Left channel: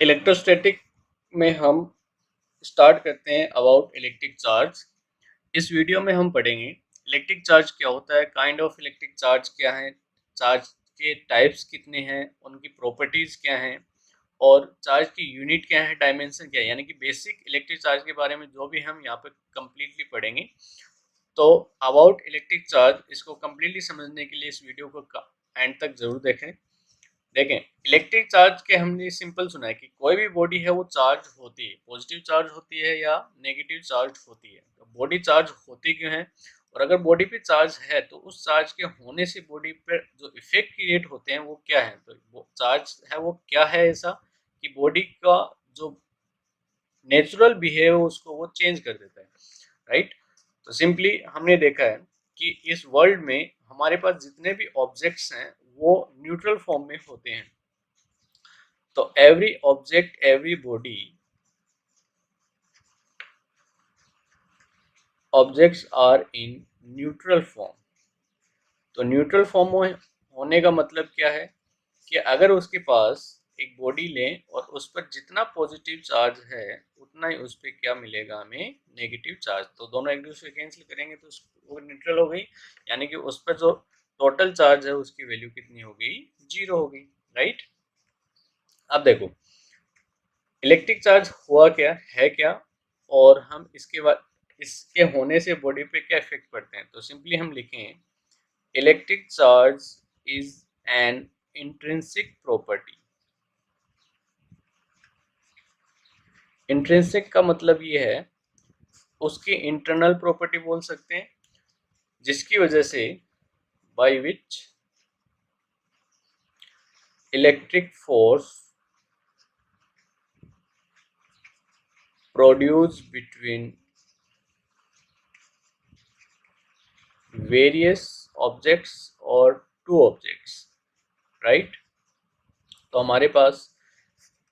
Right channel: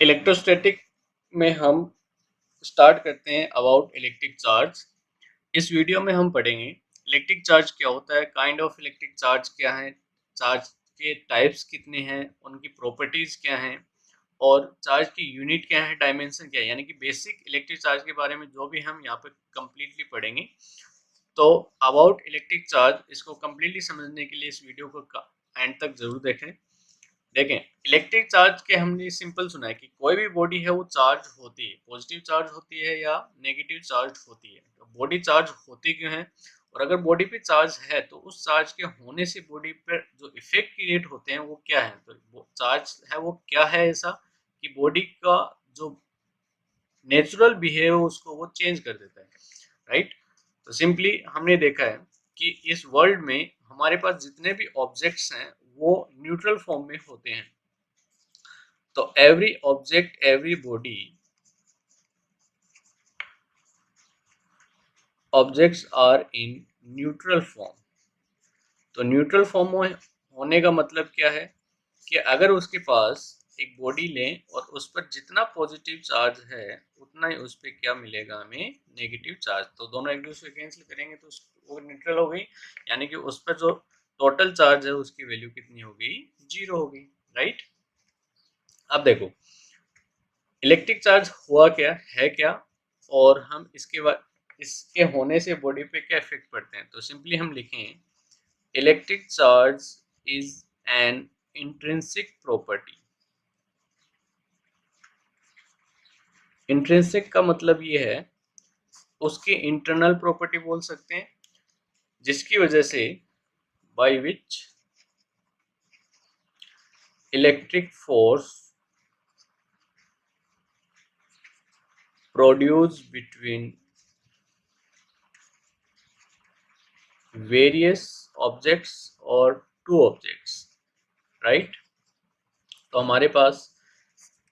Electrostatic में हम start करते हैं अबाउट इलेक्ट्रिक चार्ज। इस वीडियो में हम पढ़ेंगे इलेक्ट्रिक चार्ज क्या होता है, काइंड ऑफ इलेक्ट्रिक चार्ज क्या है, चार्ज के टाइप्स कितने हैं, उनकी प्रॉपर्टीज़ क्या हैं और चार्ज की यूनिट क्या है, डायमेंशन क्या है, यानी कि बेसिक इलेक्ट्रिक चार्ज के बारे में जो भी हम यहाँ पे कम्प्लीटली पढ़ेंगे। तो अबाउट इलेक्ट्रिक चार्ज इसको कम्प्लीटली समझने के लिए इस वीडियो को एंड तक जरूर देखें। देखें, इलेक्ट्रिक चार्ज के हमने सिंपल सुना है कि कोई भी बॉडी है वो चार्ज होती है, पॉजिटिव चार्ज होती है या नेगेटिव चार्ज होती है। तो बॉडी चार्ज होती क्यों है, और अगर बॉडी पे चार्ज है तो उस चार्ज के होने से बॉडी पर जो इफेक्ट क्रिएट होते हैं वो क्या है। तो वो चार्ज है वो क्या है ऐसा कि बॉडी का जो नेचुरल बिहेव उसको वो चेंज कर देता है, राइट। तो सिंपली हमने देखा है कि इस वर्ल्ड में हमारे पास जितने भी ऑब्जेक्ट्स हैं वो न्यूट्रल फॉर्म में होते हैं। तो every object, every body, objects are in neutral form. तो न्यूट्रल फॉर्म होने का मतलब क्या है कि अगर उसके पास एक बॉडी लें और उस पर जितना पॉजिटिव चार्ज है उतना ही उस पर क्या मिलेगा, हमें नेगेटिव चार्ज। तो दोनों एक दूसरे कैंसिल करेंगे तो वो न्यूट्रल हो गई, यानी कि उस पर जो टोटल चार्ज है उसकी वैल्यू कितनी हो गई, जीरो हो गई, राइट। अब देखो इलेक्ट्रिक चार्ज हुआ क्या है क्या, और हम इसके बाद इसके होने से बॉडी पे क्या इफेक्ट पड़ते हैं। तो सिंपली हम लिखें electric charge is an intrinsic property. Intrinsic का मतलब ये है उसकी इंटरनल प्रॉपर्टी बोल सकते हैं, जिसकी वजह से by which electric force produce between various objects और टू ऑब्जेक्ट्स, राइट। तो हमारे पास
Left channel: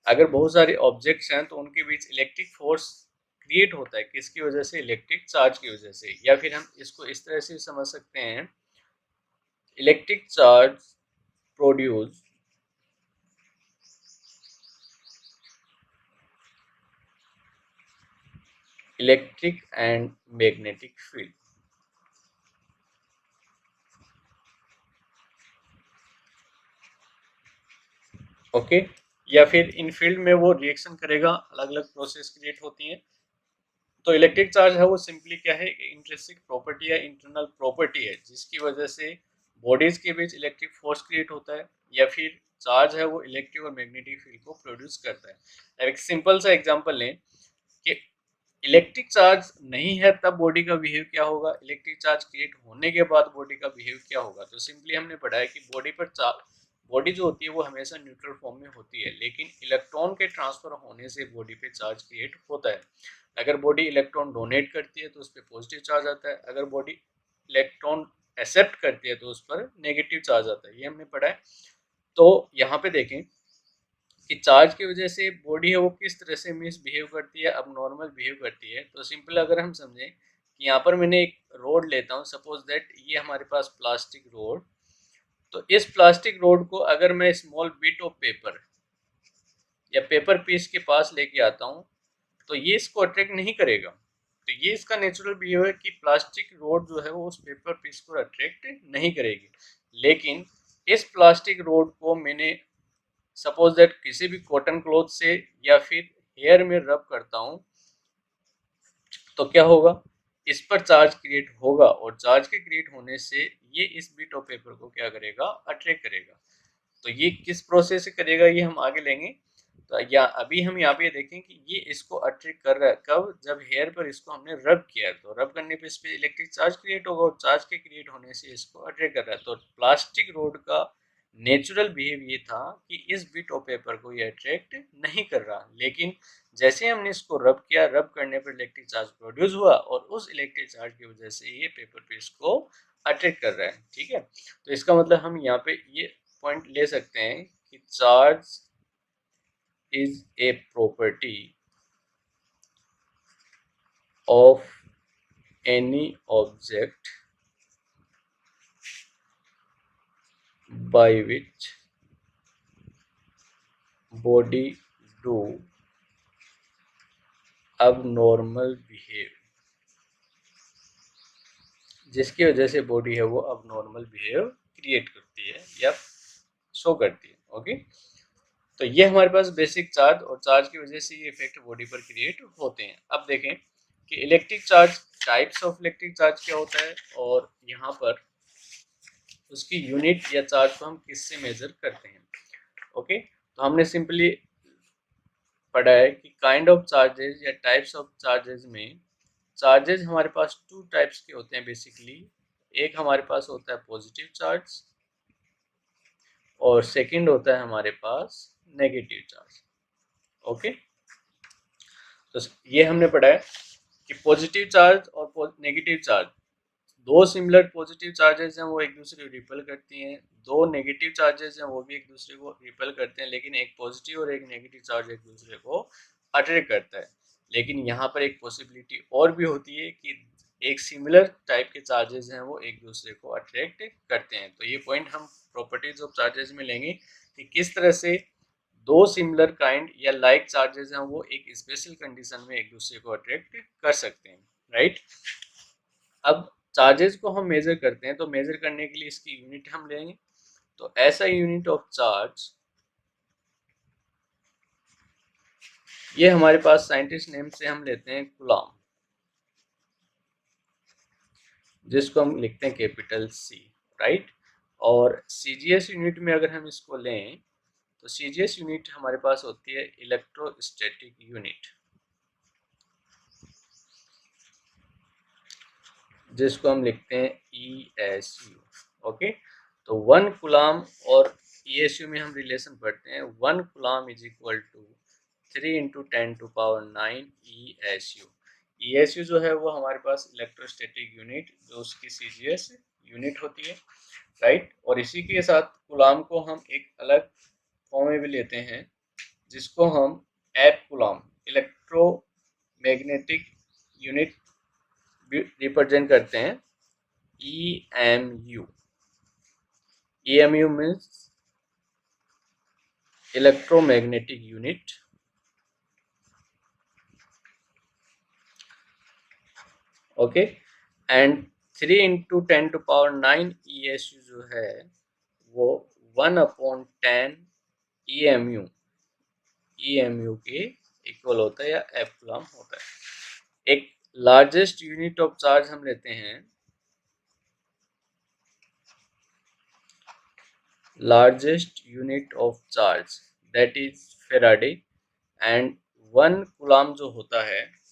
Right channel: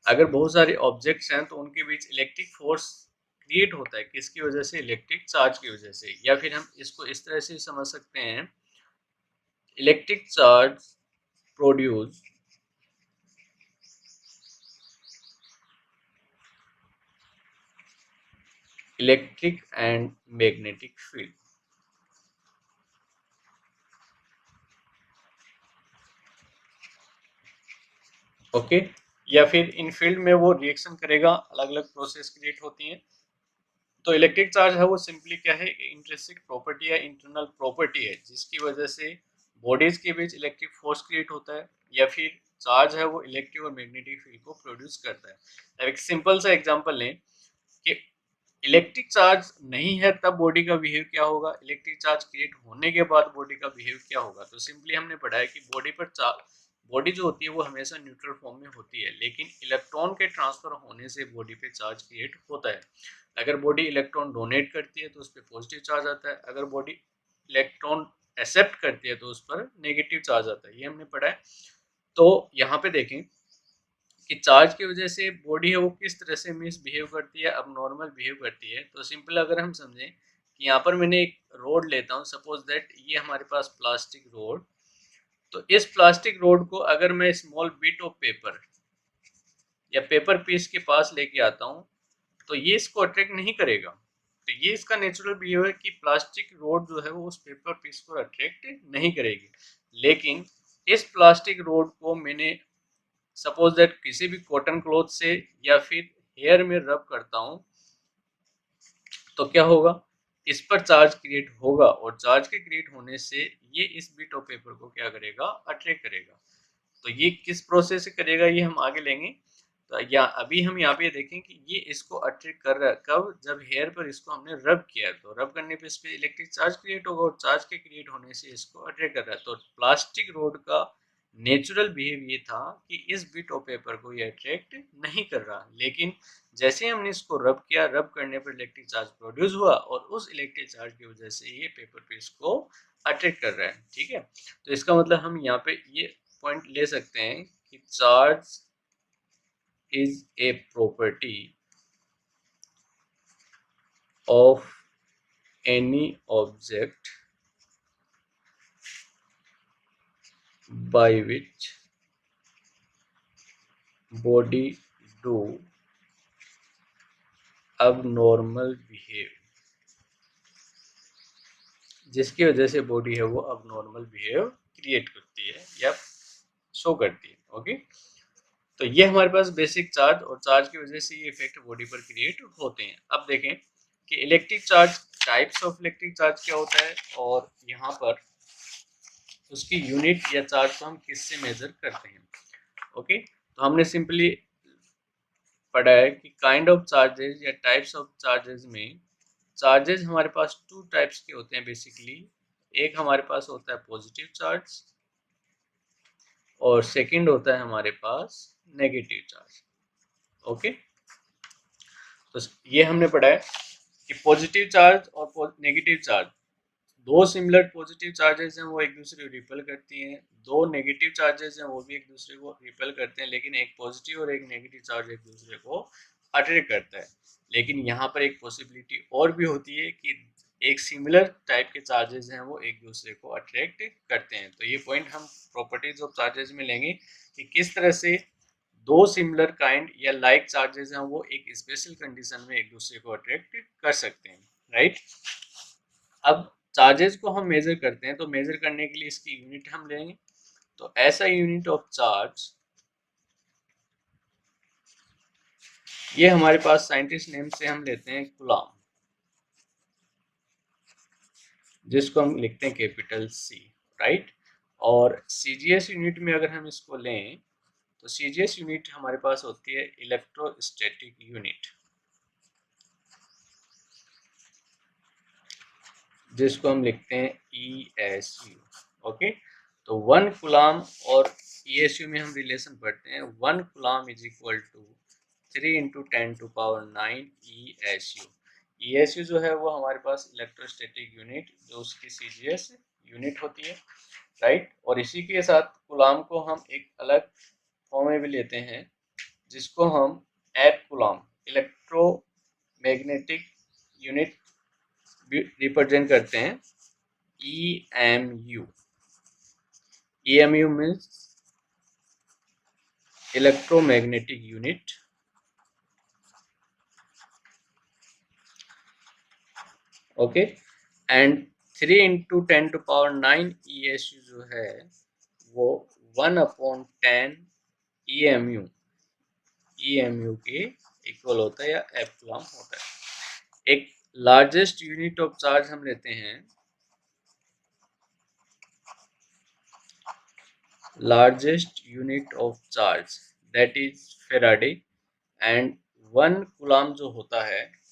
अगर बहुत सारे ऑब्जेक्ट्स हैं तो उनके बीच इलेक्ट्रिक फोर्स क्रिएट होता है, किसकी वजह से, इलेक्ट्रिक चार्ज की वजह से। या फिर हम इसको इस तरह से समझ सकते हैं electric charge produce electric and magnetic field. Okay, या फिर इन फील्ड में वो रिएक्शन करेगा, अलग अलग प्रोसेस क्रिएट होती हैं। तो इलेक्ट्रिक चार्ज है वो सिंपली क्या है, इंट्रिंसिक प्रॉपर्टी या इंटरनल प्रॉपर्टी है जिसकी वजह से बॉडीज के बीच इलेक्ट्रिक फोर्स क्रिएट होता है, या फिर चार्ज है वो इलेक्ट्रिक और मैग्नेटिक फील्ड को प्रोड्यूस करता है। एक सिंपल सा एग्जांपल लें कि इलेक्ट्रिक चार्ज नहीं है तब बॉडी का बिहेव क्या होगा, इलेक्ट्रिक चार्ज क्रिएट होने के बाद बॉडी का बिहेव क्या होगा। तो सिंपली हमने पढ़ा है कि बॉडी जो होती है वो हमेशा न्यूट्रल फॉर्म में होती है, लेकिन इलेक्ट्रॉन के ट्रांसफर होने से बॉडी पे चार्ज क्रिएट होता है। अगर बॉडी इलेक्ट्रॉन डोनेट करती है तो उस पर पॉजिटिव चार्ज आता है, अगर बॉडी इलेक्ट्रॉन एक्सेप्ट करती है तो उस पर नेगेटिव चार्ज आता है, ये हमने पढ़ा है। तो यहाँ पे देखें कि चार्ज की वजह से बॉडी है वो किस तरह से मिसबिहेव करती है, अब नॉर्मल बिहेव करती है। तो सिंपल अगर हम समझें कि यहाँ पर मैंने एक रोड लेता हूँ, सपोज दैट ये हमारे पास प्लास्टिक रोड। तो इस प्लास्टिक रोड को अगर मैं स्मॉल बिट ऑफ पेपर या पेपर पीस के पास लेके आता हूँ तो ये इसको अट्रैक्ट नहीं करेगा। तो ये इसका नेचुरल बिहेव है कि प्लास्टिक रोड जो है वो उस पेपर पीस को अट्रैक्ट नहीं करेगी। लेकिन इस प्लास्टिक रोड को मैंने सपोज दैट किसी भी कॉटन क्लॉथ से या फिर हेयर में रब करता हूँ तो क्या होगा, इस पर चार्ज क्रिएट होगा, और चार्ज के क्रिएट होने से ये इस बिट ऑफ पेपर को क्या करेगा, अट्रैक्ट करेगा। तो ये किस प्रोसेस से करेगा ये हम आगे लेंगे। तो या अभी हम यहाँ पे देखें कि ये इसको अट्रैक्ट कर रहा है कब, जब हेयर पर इसको हमने रब किया है। तो रब करने पे इस पे इलेक्ट्रिक चार्ज क्रिएट होगा और चार्ज के क्रिएट होने से इसको अट्रैक्ट कर रहा है। तो प्लास्टिक रोड का नेचुरल बिहेव ये था कि इस बिट ऑफ पेपर को ये अट्रैक्ट नहीं कर रहा, लेकिन जैसे हमने इसको रब किया, रब करने पर इलेक्ट्रिक चार्ज प्रोड्यूस हुआ और उस इलेक्ट्रिक चार्ज की वजह से ये पेपर पीस को अट्रैक्ट कर रहा है, ठीक है। तो इसका मतलब हम यहाँ पे ये पॉइंट ले सकते हैं कि charge is a property of any object by which body do abnormal behave, जिसकी वजह से बॉडी है वो abnormal बिहेव क्रिएट करती है या शो करती है। ओके, तो ये हमारे पास बेसिक चार्ज और चार्ज की वजह से ये इफेक्ट बॉडी पर क्रिएट होते हैं। अब देखें कि electric charge, types of electric charge क्या होता है और यहाँ पर उसकी यूनिट या चार्ज को हम किससे मेजर करते हैं। ओके, तो हमने सिंपली पढ़ा है कि काइंड ऑफ चार्जेस या टाइप्स ऑफ चार्जेस में चार्जेस हमारे पास टू टाइप्स के होते हैं बेसिकली। एक हमारे पास होता है पॉजिटिव चार्ज और सेकंड होता है हमारे पास नेगेटिव चार्ज। ओके, तो ये हमने पढ़ा है कि पॉजिटिव चार्ज और नेगेटिव चार्ज, दो सिमिलर पॉजिटिव चार्जेस हैं वो एक दूसरे को रिपेल करती हैं, दो नेगेटिव चार्जेस हैं वो भी एक दूसरे को रिपेल करते हैं, लेकिन एक पॉजिटिव और एक नेगेटिव चार्ज एक दूसरे को अट्रैक्ट करता है। लेकिन यहाँ पर एक पॉसिबिलिटी और भी होती है कि एक सिमिलर टाइप के चार्जेस हैं वो एक दूसरे को अट्रैक्ट करते हैं। तो ये पॉइंट हम प्रॉपर्टीज ऑफ चार्जेस में लेंगे कि किस तरह से दो सिमिलर काइंड या लाइक चार्जेस हैं वो एक स्पेशल कंडीशन में एक दूसरे को अट्रैक्ट कर सकते हैं। राइट, अब चार्जेस को हम मेजर करते हैं तो मेजर करने के लिए इसकी यूनिट हम लेंगे। तो ऐसा यूनिट ऑफ चार्ज, ये हमारे पास साइंटिस्ट नेम से हम लेते हैं कूलम, जिसको हम लिखते हैं कैपिटल C। राइट, और सीजीएस यूनिट में अगर हम इसको लें तो सीजीएस यूनिट हमारे पास होती है इलेक्ट्रोस्टैटिक यूनिट, जिसको हम लिखते हैं ESU। ओके, तो 1 कूलम और ESU में हम रिलेशन पढ़ते हैं। 1 coulomb is equal to 3 × 10⁹ ESU। ESU जो है वो हमारे पास इलेक्ट्रोस्टैटिक यूनिट, जो उसकी सीजीएस यूनिट होती है। राइट, और इसी के साथ कूलम को हम एक अलग फॉर्म में भी लेते हैं, जिसको हम F coulomb, electromagnetic unit represent करते हैं EMU। EMU means electromagnetic unit. Okay, and 3 × 10⁹ ESU जो है वो 1/10 EMU के इक्वल होता है या एफ कूलम होता है। एक लार्जेस्ट यूनिट ऑफ चार्ज हम लेते हैं, largest unit of charge that is Faraday, and 1 coulomb जो होता है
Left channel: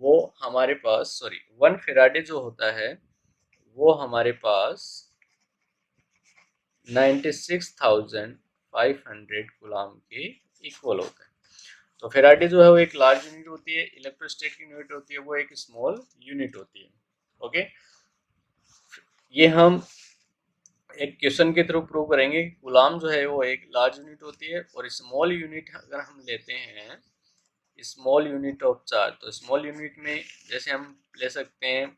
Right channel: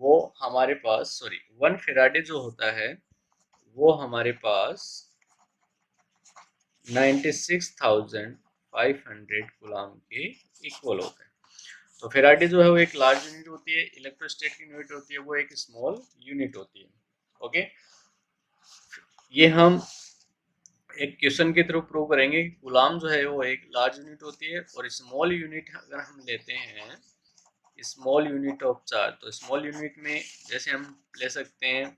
वो हमारे पास 1 फेराडे जो होता है वो हमारे पास 96,500 कूलम के इक्वल होता है। तो फेराडे जो है वो एक लार्ज यूनिट होती है, इलेक्ट्रोस्टैटिक यूनिट होती है वो एक स्मॉल यूनिट होती है। ओके, ये हम एक क्वेश्चन के थ्रू प्रूव करेंगे कि कूलम जो है वो एक लार्ज यूनिट होती है, और स्मॉल यूनिट अगर हम लेते हैं स्मॉल यूनिट ऑफ चार्ज, तो स्मॉल यूनिट में जैसे हम ले सकते हैं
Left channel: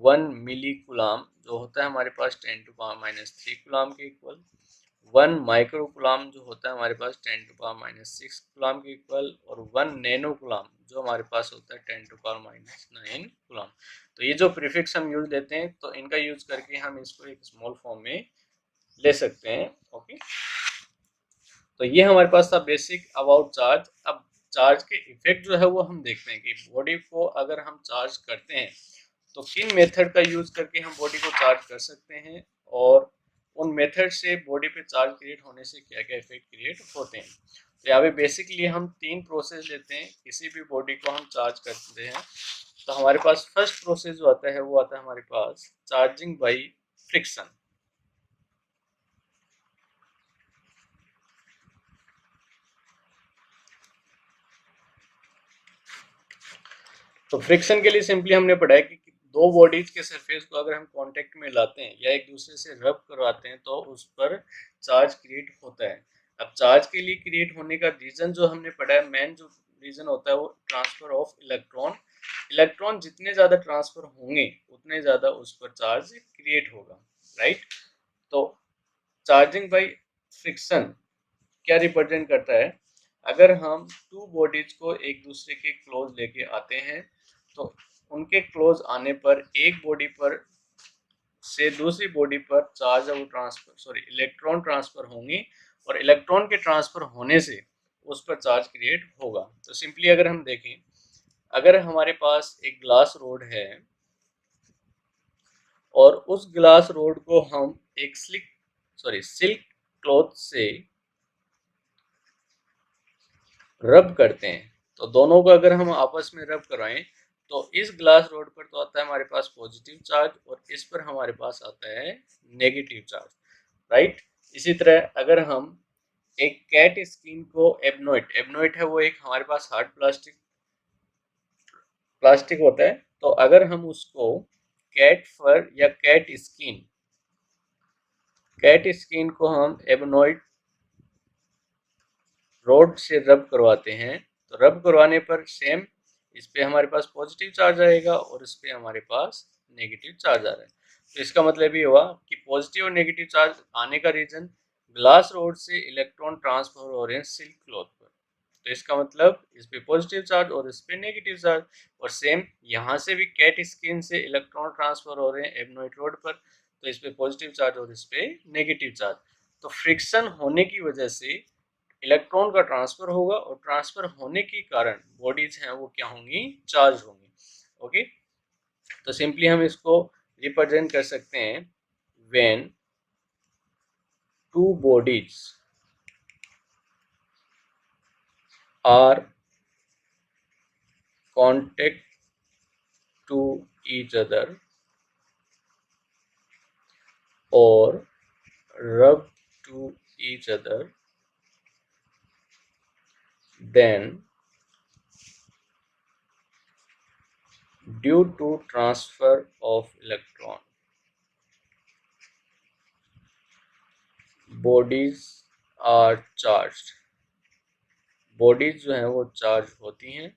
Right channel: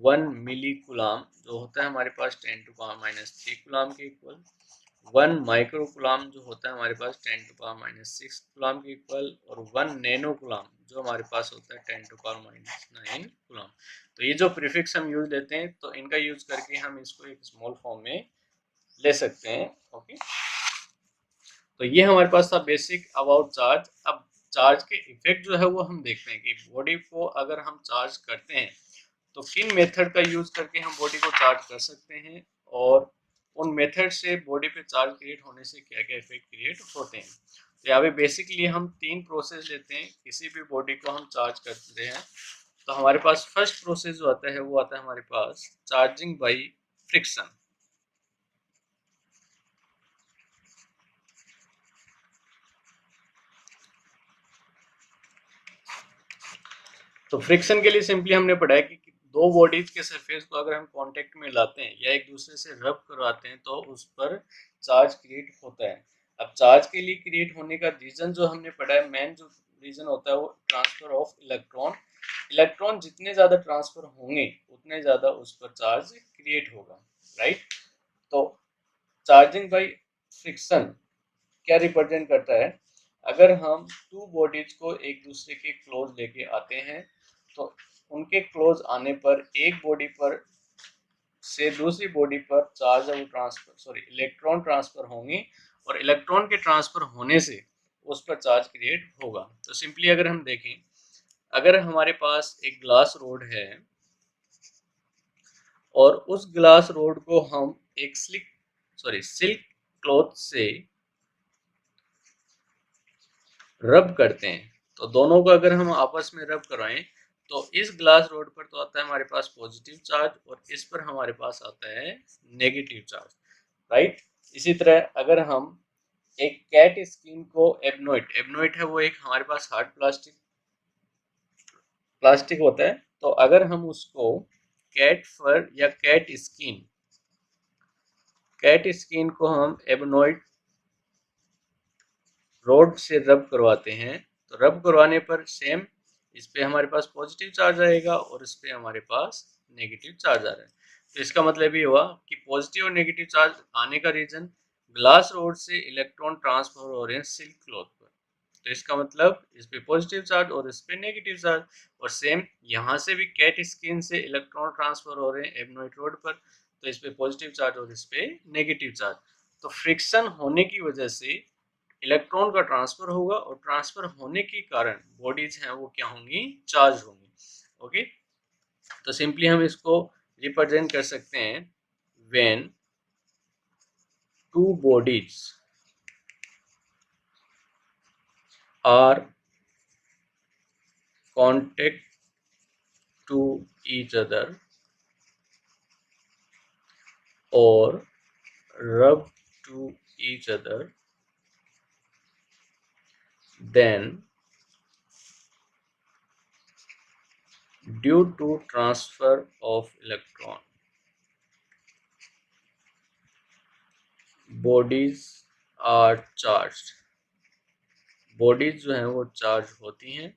1 मिली कूलम जो होता है हमारे पास 10⁻³ कूलम के इक्वल, 1 माइक्रो कूलम जो होता है हमारे पास 10⁻6 कूलम के इक्वल, और 1 नैनो कूलम जो हमारे पास होता है 10⁻9 कूलम। तो ये जो प्रीफिक्स हम यूज लेते हैं तो इनका यूज करके हम इसको एक स्मॉल फॉर्म में ले सकते हैं। ओके, तो ये हमारे पास था बेसिक अबाउट चार्ज। अब चार्ज के इफेक्ट जो है वो हम देखते हैं कि बॉडी को अगर हम चार्ज करते हैं तो किन मेथड का यूज करके हम बॉडी को चार्ज कर सकते हैं, और उन मेथड से बॉडी पे चार्ज क्रिएट होने से क्या क्या इफेक्ट क्रिएट होते हैं। तो यहाँ पे बेसिकली हम 3 प्रोसेस लेते हैं किसी भी बॉडी को हम चार्ज करते हैं। तो हमारे पास फर्स्ट प्रोसेस जो आता है वो आता है हमारे पास चार्जिंग बाई फ्रिक्शन। तो फ्रिक्शन के लिए सिंपली हमने पढ़ा है कि दो बॉडीज के सरफेस को अगर हम कांटेक्ट में लाते हैं या एक दूसरे से रब करवाते हैं तो उस पर चार्ज क्रिएट होता है। अब चार्ज के लिए क्रिएट होने का रीजन जो हमने पढ़ा है, मेन जो रीजन होता है वो ट्रांसफर ऑफ इलेक्ट्रॉन। इलेक्ट्रॉन जितने ज्यादा ट्रांसफर होंगे उतने ज्यादा उस पर चार्ज क्रिएट होगा। राइट, तो चार्जिंग बाई फ्रिक्शन क्या रिप्रेजेंट करता है, अगर हम टू बॉडीज को एक दूसरे के क्लोज लेके आते हैं तो उनके क्लोज आने पर एक बॉडी पर से दूसरी बॉडी पर चार्ज वो ट्रांसफर इलेक्ट्रॉन ट्रांसफर होंगे और इलेक्ट्रॉन के ट्रांसफर होने से उस पर चार्ज क्रिएट होगा। तो सिंपली अगर हम देखें, अगर हमारे पास एक ग्लास रोड है और उस ग्लास रोड को हम एक सिल्क क्लॉथ से रब करते हैं, तो दोनों को अगर हम आपस में रब करवाएं तो इस ग्लास रोड पर तो आता है हमारे पास पॉजिटिव चार्ज और इस पर हमारे पास आता है नेगेटिव चार्ज, राइट। इसी तरह अगर हम एक कैट स्किन को एबनोइट है वो एक हमारे पास हार्ड प्लास्टिक होता है, तो अगर हम उसको कैट फर या कैट स्किन को हम एबनोइड रोड से रब करवाते हैं, तो रब करवाने पर सेम इस पे हमारे पास पॉजिटिव चार्ज आएगा और इस पे हमारे पास नेगेटिव चार्ज आ रहा है। तो इसका मतलब ये हुआ कि पॉजिटिव और नेगेटिव चार्ज आने का रीजन ग्लास रोड से इलेक्ट्रॉन ट्रांसफर हो रहे हैं सिल्क क्लॉथ पर, तो इसका मतलब इस पे पॉजिटिव चार्ज और इस पे नेगेटिव चार्ज। और सेम यहाँ से भी कैट स्किन से इलेक्ट्रॉन ट्रांसफर हो रहे हैं एबनोइड रोड पर, तो इस पे पॉजिटिव चार्ज और इस पे नेगेटिव चार्ज। तो फ्रिक्शन होने की वजह से इलेक्ट्रॉन का ट्रांसफर होगा और ट्रांसफर होने के कारण बॉडीज हैं वो क्या होंगी, चार्ज होंगी। ओके, तो सिंपली हम इसको रिप्रेजेंट कर सकते हैं, when two bodies are contact to each other और rub to each other, then due to transfer of electron bodies are charged, bodies जो हैं वो चार्ज होती हैं।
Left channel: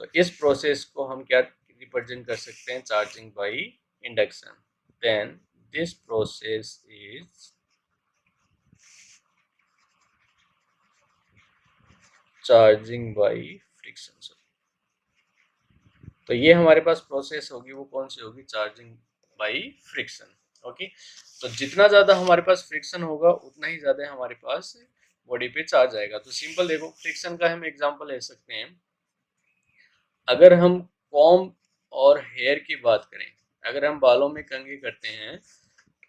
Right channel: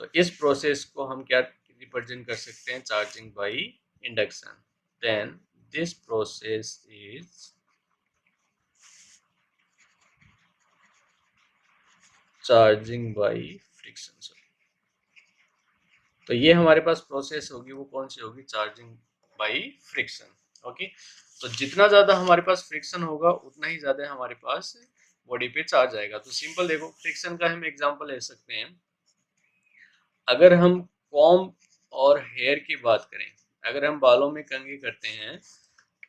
तो इस प्रोसेस को हम क्या रिप्रेजेंट कर सकते हैं, charging by induction. Then this process is charging by friction. तो ये हमारे पास प्रोसेस होगी, वो कौन सी होगी, चार्जिंग बाय फ्रिक्शन। ओके, तो जितना ज़्यादा हमारे पास फ्रिक्शन होगा उतना ही ज़्यादा हमारे पास बॉडी पे चार्ज आएगा। तो सिंपल देखो, फ्रिक्शन का हम एग्जांपल ले सकते हैं। अगर हम कॉम्ब और हेयर की बात करें, अगर हम बालों में कंघी करते हैं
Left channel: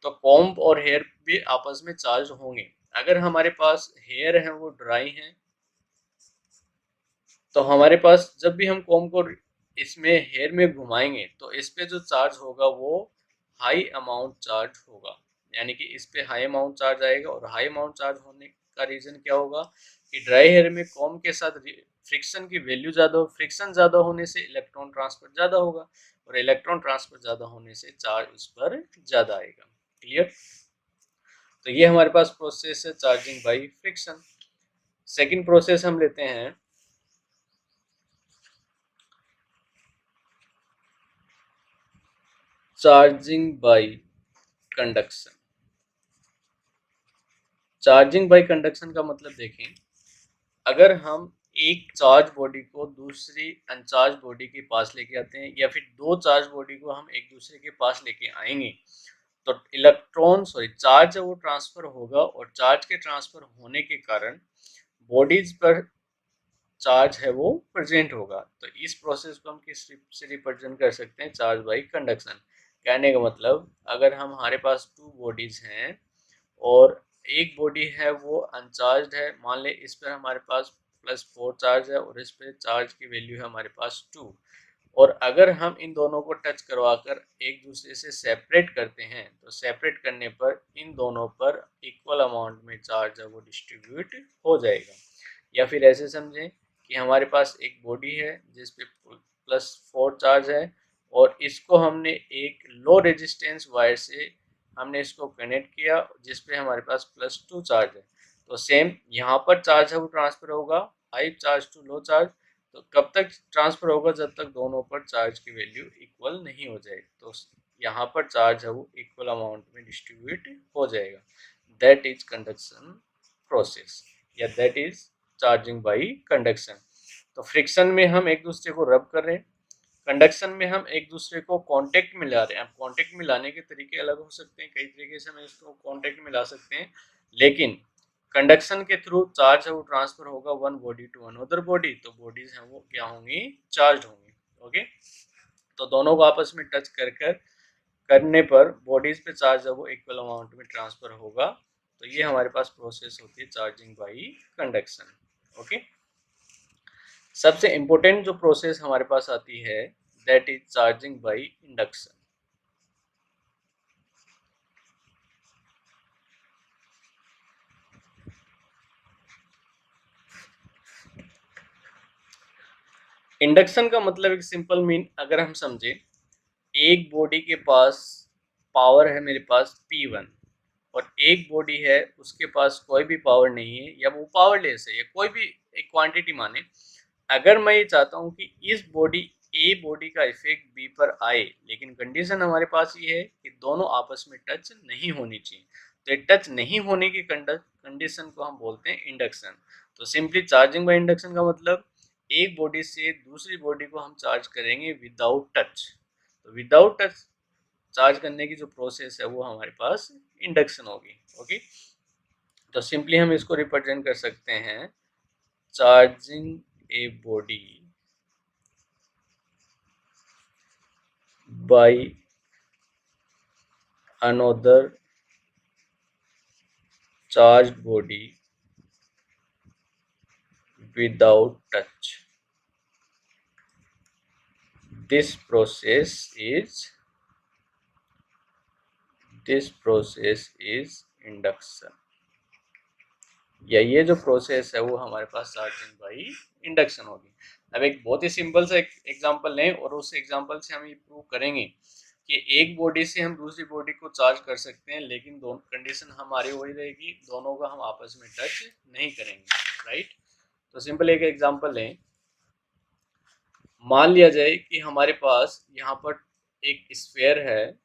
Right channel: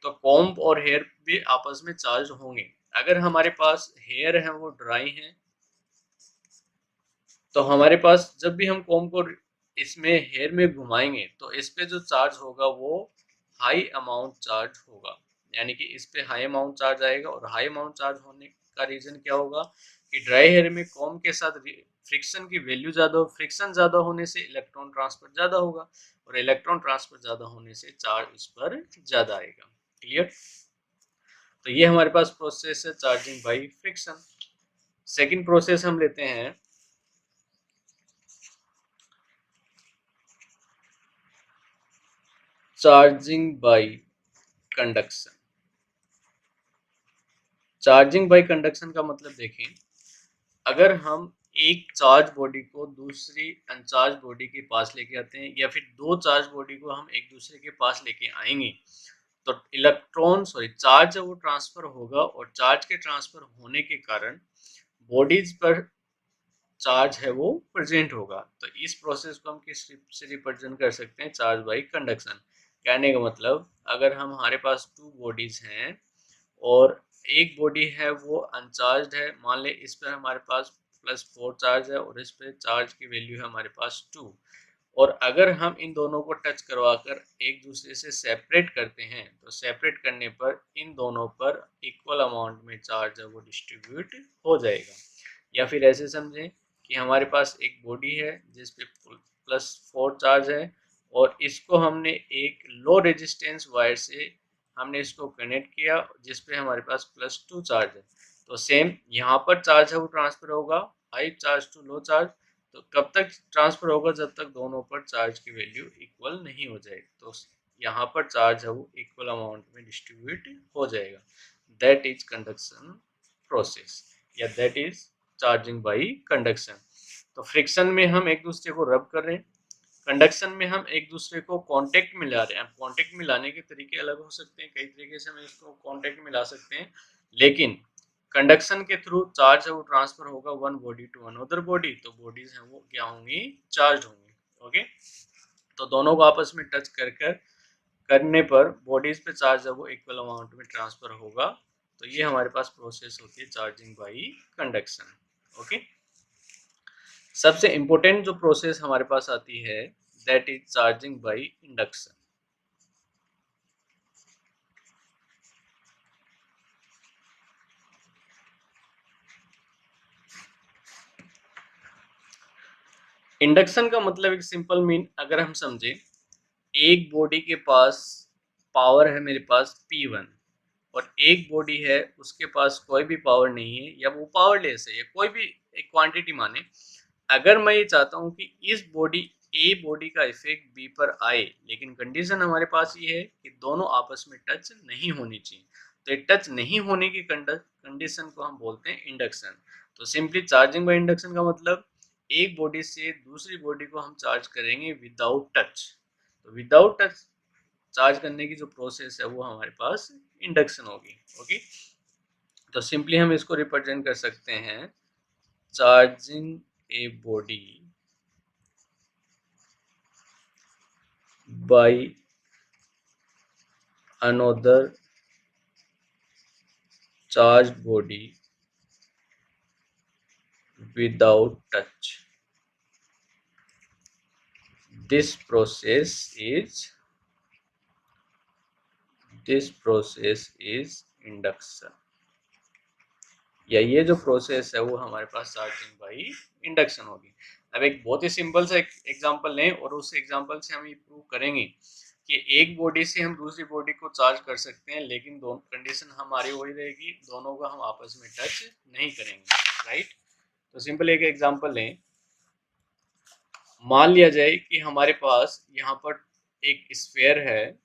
तो कॉम्ब और हेयर भी आपस में चार्ज होंगे। अगर हमारे पास हेयर है वो ड्राई है, तो हमारे पास जब भी हम कॉम्ब को इसमें हेयर में घुमाएंगे तो इस पे जो चार्ज होगा वो हाई अमाउंट चार्ज होगा, यानी कि इस पे हाई अमाउंट चार्ज आएगा। और हाई अमाउंट चार्ज होने का रीजन क्या होगा कि ड्राई हेयर में कॉम्ब के साथ फ्रिक्शन की वैल्यू ज़्यादा हो, फ्रिक्शन ज़्यादा होने से इलेक्ट्रॉन ट्रांसफर ज़्यादा होगा और इलेक्ट्रॉन ट्रांसफर ज़्यादा होने से चार्ज उस पर ज़्यादा आएगा। क्लियर? तो ये हमारे पास प्रोसेस है charging by friction. Second process हम लेते हैं charging by conduction. Charging by conduction का मतलब देखें, अगर हम एक चार्ज बॉडी को दूसरी अनचार्ज बॉडी के पास लेके आते हैं या फिर दो चार्ज बॉडी को हम एक दूसरे के पास लेके आएंगे तो चार्ज है वो ट्रांसफर होगा और चार्ज के ट्रांसफर होने के कारण बॉडीज पर चार्ज है वो प्रेजेंट होगा। तो इस प्रोसेस को हम किस से रिप्रेजेंट कर सकते हैं, चार्ज बाई कंडक्शन। कहने का मतलब, अगर हमारे पास टू बॉडीज हैं और एक बॉडी है वो अनचार्ज है, मान ले इस पर हमारे पास +4 चार्ज है और इस पर चार्ज की वैल्यू है हमारे पास 2, और अगर हम इन दोनों को टच करवाकर एक दूसरे से सेपरेट करते हैं तो सेपरेट करने पर इन दोनों पर इक्वल अमाउंट में चार्ज है वो डिस्ट्रीब्यूट हो जाएगा। या फिर ऐसे समझें कि हमारे पास एक बॉडी है जिस पे +4 चार्ज है और इसको हमने एक लो रेजिस्टेंस वायर से हमने इसको कनेक्ट किया जिस पे हमारे पास +2 चार्ज है। तो सेम यहाँ पर चार्ज है वो ट्रांसफर होगा high charge to low charge. तो कब तक ट्रांसफर होगा, जब तक दोनों पर चार्ज की वैल्यू इक्वल नहीं हो जाएगी। तो यहाँ पर चार्ज है वो इक्वल अमाउंट में डिस्ट्रीब्यूट हो जाएगा। दैट इज कंडक्शन प्रोसेस या that is charging by conduction. तो फ्रिक्शन में हम एक दूसरे को रब कर रहे हैं, कंडक्शन में हम एक दूसरे को कांटेक्ट में ला रहे हैं। अब कांटेक्ट में लाने के तरीके अलग हो सकते हैं, कई तरीके से हम इसको कांटेक्ट में ला सकते हैं, लेकिन कंडक्शन के थ्रू चार्ज है वो ट्रांसफर होगा one body to another body, तो बॉडीज हैं वो क्या होंगी, चार्ज होंगी। ओके, तो दोनों को आपस में टच कर करने पर बॉडीज पे चार्ज है वो इक्वल अमाउंट में ट्रांसफर होगा। तो ये हमारे पास प्रोसेस होती है चार्जिंग बाई कंडक्शन। ओके, सबसे इंपॉर्टेंट जो प्रोसेस हमारे पास आती है that is charging by induction. Induction का मतलब एक सिंपल मीन अगर हम समझे, एक बॉडी के पास पावर है मेरे पास P1 और एक बॉडी है उसके पास कोई भी पावर नहीं है या वो पावरलेस है या कोई भी एक क्वांटिटी माने। अगर मैं ये चाहता हूँ कि इस बॉडी ए बॉडी का इफेक्ट बी पर आए, लेकिन कंडीशन हमारे पास ये है कि दोनों आपस में टच नहीं होनी चाहिए, तो ये टच नहीं होने की कंडीशन को हम बोलते हैं इंडक्शन। तो सिंपली चार्जिंग बाय इंडक्शन का मतलब एक बॉडी से दूसरी बॉडी को हम चार्ज करेंगे विदाउट टच। तो विदाउट टच चार्ज करने की जो प्रोसेस है वो हमारे पास इंडक्शन होगी। ओके, तो सिंपली हम इसको रिप्रेजेंट कर सकते हैं charging a body by another charged body without touch. This process is induction, या ये जो प्रोसेस है वो हमारे पास चार्जिंग बाई इंडक्शन होगी। अब एक बहुत ही सिंपल सा एग्जांपल लें और उस एग्जांपल से हम ये प्रूव करेंगे कि एक बॉडी से हम दूसरी बॉडी को चार्ज कर सकते हैं, लेकिन दोनों कंडीशन हमारी वही रहेगी, दोनों का हम आपस में टच नहीं करेंगे, राइट। तो सिंपल एक एग्जांपल लें, मान लिया जाए कि हमारे पास यहाँ पर एक स्फीयर है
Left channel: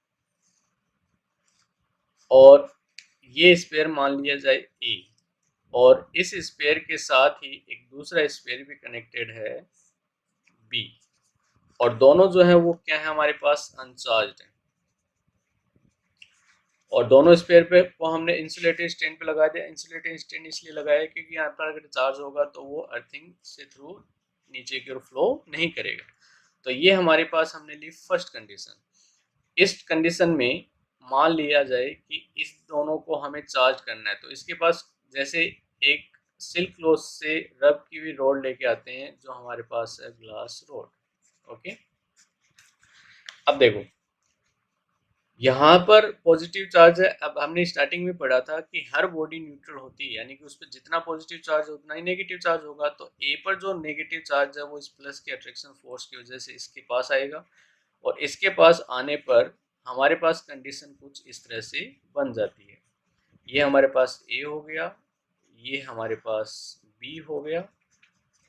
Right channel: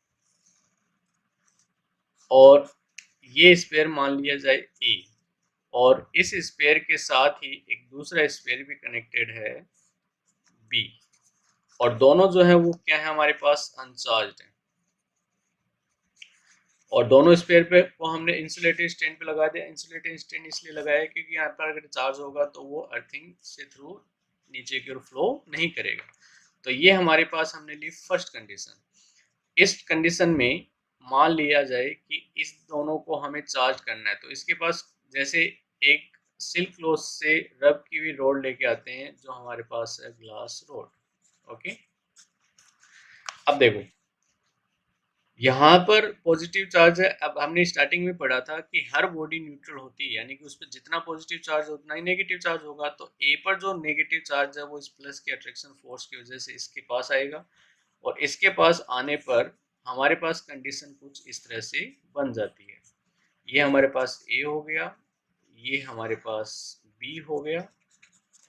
और ये स्फीयर मान लिया जाए ए, और इस स्फीयर के साथ ही एक दूसरा स्फीयर भी कनेक्टेड है बी, और दोनों जो है वो क्या है हमारे पास अनचार्ज्ड है, और दोनों स्फीयर पे को हमने इंसुलेटेड स्टैंड पे लगा दिया। इंसुलेटेड स्टैंड इसलिए लगाया क्योंकि यहाँ पर अगर चार्ज होगा तो वो अर्थिंग से थ्रू नीचे की ओर फ्लो नहीं करेगा। तो ये हमारे पास हमने ली फर्स्ट कंडीशन। इस कंडीशन में मान लिया जाए कि इस दोनों को हमें चार्ज करना है, तो इसके पास जैसे एक सिल्क क्लॉथ से रब की हुई रोड लेके आते हैं जो हमारे पास है ग्लास रोड। ओके, अब देखो यहाँ पर पॉजिटिव चार्ज है। अब हमने स्टार्टिंग में पढ़ा था कि हर बॉडी न्यूट्रल होती है, यानी कि उस पर जितना पॉजिटिव चार्ज उतना ही नेगेटिव चार्ज होगा। तो ए पर जो नेगेटिव चार्ज है वो इस प्लस के अट्रैक्शन फोर्स की वजह से इसके पास आएगा, और इसके पास आने पर हमारे पास कंडीशन कुछ इस तरह से बन जाती है। ये हमारे पास ए हो गया, ये हमारे पास बी हो गया,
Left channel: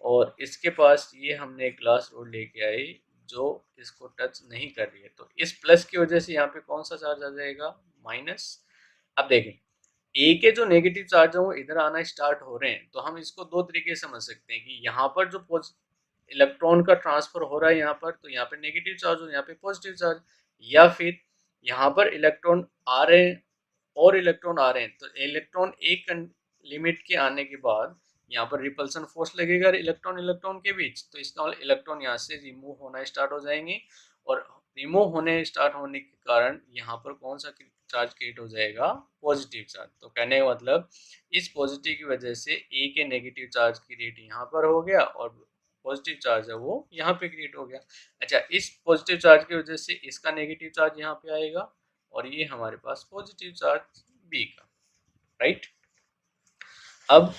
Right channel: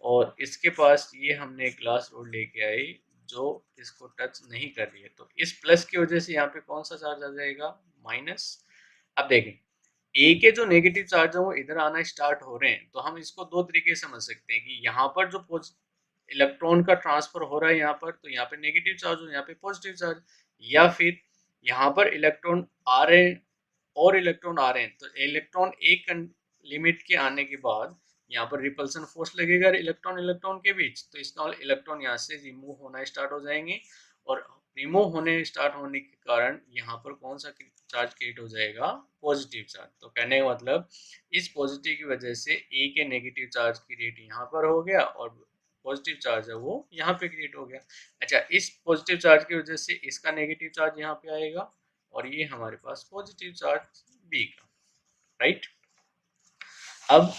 और इसके पास ये हमने एक ग्लास रोड लेके आए जो इसको टच नहीं कर रही है, तो इस प्लस की वजह से यहाँ पे कौन सा चार्ज आ जाएगा, माइनस। अब देखें ए के जो नेगेटिव चार्ज है वो इधर आना स्टार्ट हो रहे हैं, तो हम इसको दो तरीके से समझ सकते हैं कि यहाँ पर जो इलेक्ट्रॉन का ट्रांसफर हो रहा है यहाँ पर, तो यहाँ पे नेगेटिव चार्ज और यहाँ पे पॉजिटिव चार्ज, या फिर यहाँ पर इलेक्ट्रॉन आ रहे हैं और इलेक्ट्रॉन आ रहे हैं, तो इलेक्ट्रॉन एक लिमिट के आने के बाद यहाँ पर रिपल्सन फोर्स लगेगा इलेक्ट्रॉन इलेक्ट्रॉन के बीच, तो इसका इलेक्ट्रॉन यहाँ से रिमूव होना स्टार्ट हो जाएंगे, और रिमूव होने स्टार्ट होने के कारण यहाँ पर कौन सा चार्ज क्रिएट हो जाएगा, पॉजिटिव चार्ज। तो कहने का मतलब इस पॉजिटिव की वजह से ए के नेगेटिव चार्ज क्रिएट यहाँ पर हो गया और पॉजिटिव चार्ज है वो यहाँ पे क्रिएट हो गया। अच्छा, इस पॉजिटिव चार्ज की वजह से इसका नेगेटिव चार्ज यहाँ पे आएगा और ये हमारे पास पॉजिटिव चार्ज बी का, राइट। अब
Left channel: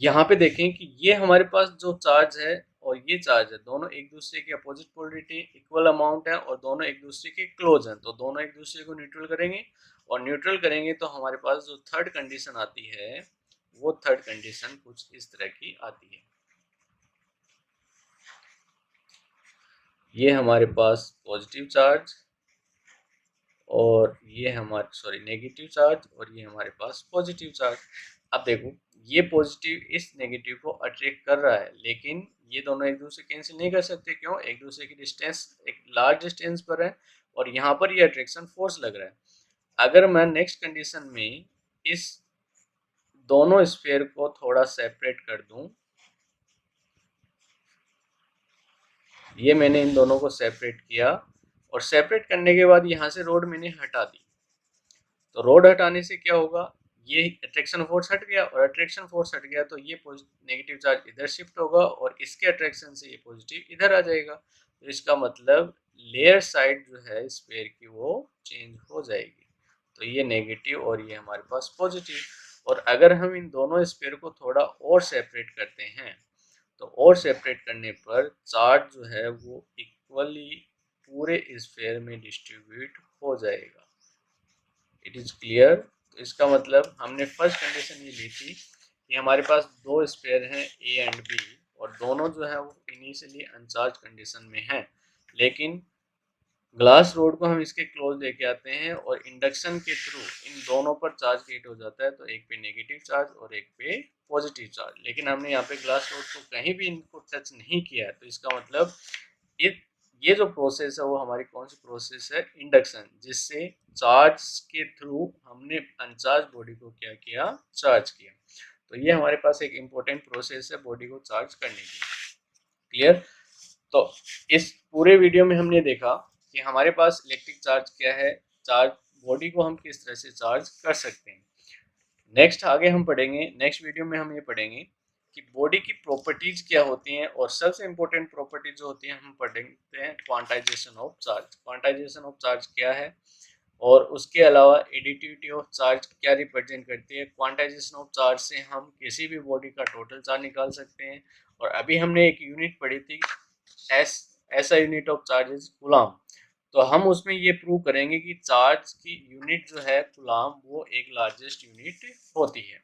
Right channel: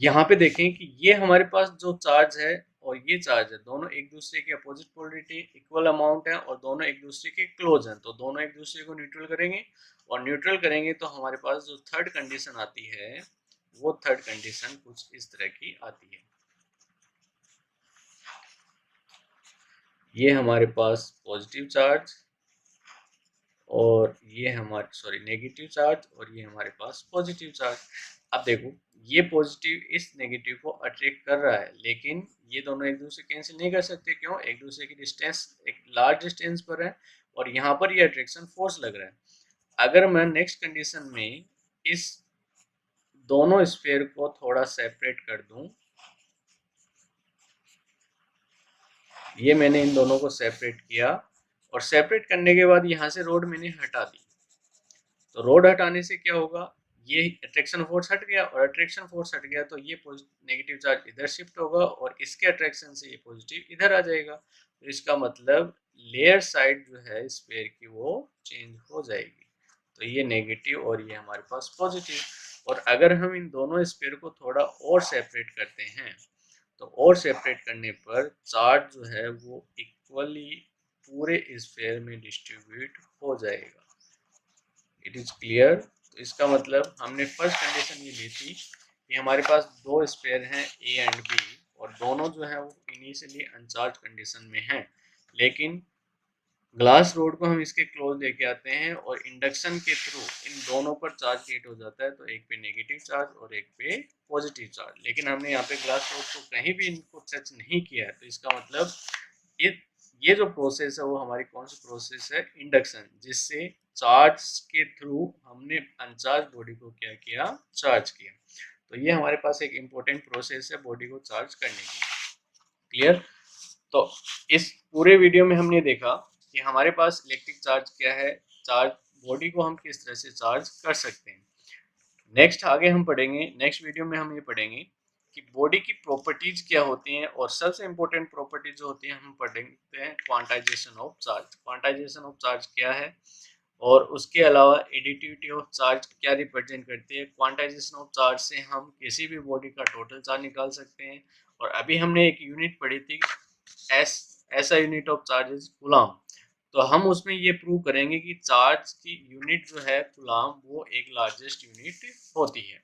यहाँ पे देखें कि ये हमारे पास जो चार्ज है और ये चार्ज है, दोनों एक दूसरे के अपोजिट पोलरिटी इक्वल अमाउंट है और दोनों एक दूसरे के क्लोज हैं, तो दोनों एक दूसरे को न्यूट्रल करेंगे, और न्यूट्रल करेंगे तो हमारे पास जो थर्ड कंडीशन आती है वो थर्ड कंडीशन कुछ इस तरह की आती है। ये हमारे पास पॉजिटिव चार्ज और ये हमारे नेगेटिव चार्ज, और ये हमारे पास पॉजिटिव चार्ज। अब देखो, ये पॉजिटिव इस नेगेटिव को अट्रैक्ट कर रहा है, लेकिन ये दोनों एक दूसरे कैंसिल नहीं कर सकते। क्यों? एक दूसरे की डिस्टेंस एक लार्ज डिस्टेंस पर है और यहाँ पर ये अट्रैक्शन फोर्स लग रहा है। अगर मैं नेक्स्ट कंडीशन में इस दोनों स्फीयर को थोड़ा सेपरेट कर दूं, ये मैंने इन दोनों को सेपरेट किया और सेपरेट करने के बाद यहाँ से रोड मैंने हटा दी। तो रोड हटाने से क्या होगा, ये अट्रैक्शन फोर्स हट गया और अट्रैक्शन फोर्स हट गया तो ये नेगेटिव चार्ज इधर शिफ्ट होगा और इसके अट्रैक्शन से ये पॉजिटिव इधर आ जाएगा। तो इसका मतलब लेयर साइड जो है स्फीयर की वो चेंज हो जाएगी। तो ये नेगेटिव और ये हमारे पास पॉजिटिव। और अगर हम इन दोनों स्फीयर को थोड़ा और सेपरेट करते हैं तो और सेपरेट करने पर चार्ज जो है वो इक्वली पूरे स्फीयर में डिस्ट्रीब्यूट हो जाएगा। It is clear. तो इसका मतलब हमने फर्स्ट कंडीशन ये ली थी कि हमारे पास दो स्फीयर हैं ए एंड बी और दोनों जो है वो इनिशियली अनचार्ज कंडीशन में हैं, लेकिन ग्लास रोड को हम इसके क्लोज लेके आते हैं और इंडक्शन के थ्रू इन दोनों पर चार्ज क्रिएट हो जाता है। तो एक पे नेगेटिव चार्ज और एक पे पॉजिटिव चार्ज, लेकिन हमने यहाँ पे ग्लास रोड को कहीं भी इनको टच नहीं किया है। तो इसका मतलब ये ये जो प्रोसेस है वो हमारी कौन सी प्रोसेस है, इंडक्शन, जिससे चार्ज के थ्रू हमने अनचार्ज बॉडी को क्या किया, चार्ज किया। तो ये हमारे पास एक इम्पोर्टेंट प्रोसेस है बॉडी को चार्ज करने की। क्लियर। तो इस पूरे वीडियो में हमने देखा कि हमारे पास इलेक्ट्रिक चार्ज क्या है, चार्ज बॉडी को हम किस तरह से चार्ज कर सकते हैं। नेक्स्ट आगे हम पढ़ेंगे, नेक्स्ट वीडियो में हम ये पढ़ेंगे कि बॉडी की प्रॉपर्टीज क्या होती हैं और सबसे इंपॉर्टेंट प्रॉपर्टी जो होती है हम पढ़ते हैं quantization of charge. Quantization of charge क्या है और उसके अलावा एडिटिविटी ऑफ चार्ज क्या रिप्रेजेंट करती है। क्वांटाइजेशन ऑफ चार्ज से हम किसी भी बॉडी का टोटल चार्ज निकाल सकते हैं। और अभी हमने एक यूनिट पढ़ी थी ऐसा unit of charge is coulomb. तो हम उसमें ये प्रूव करेंगे कि चार्ज की यूनिट जो है कूलाम वो एक लार्जेस्ट यूनिट होती है।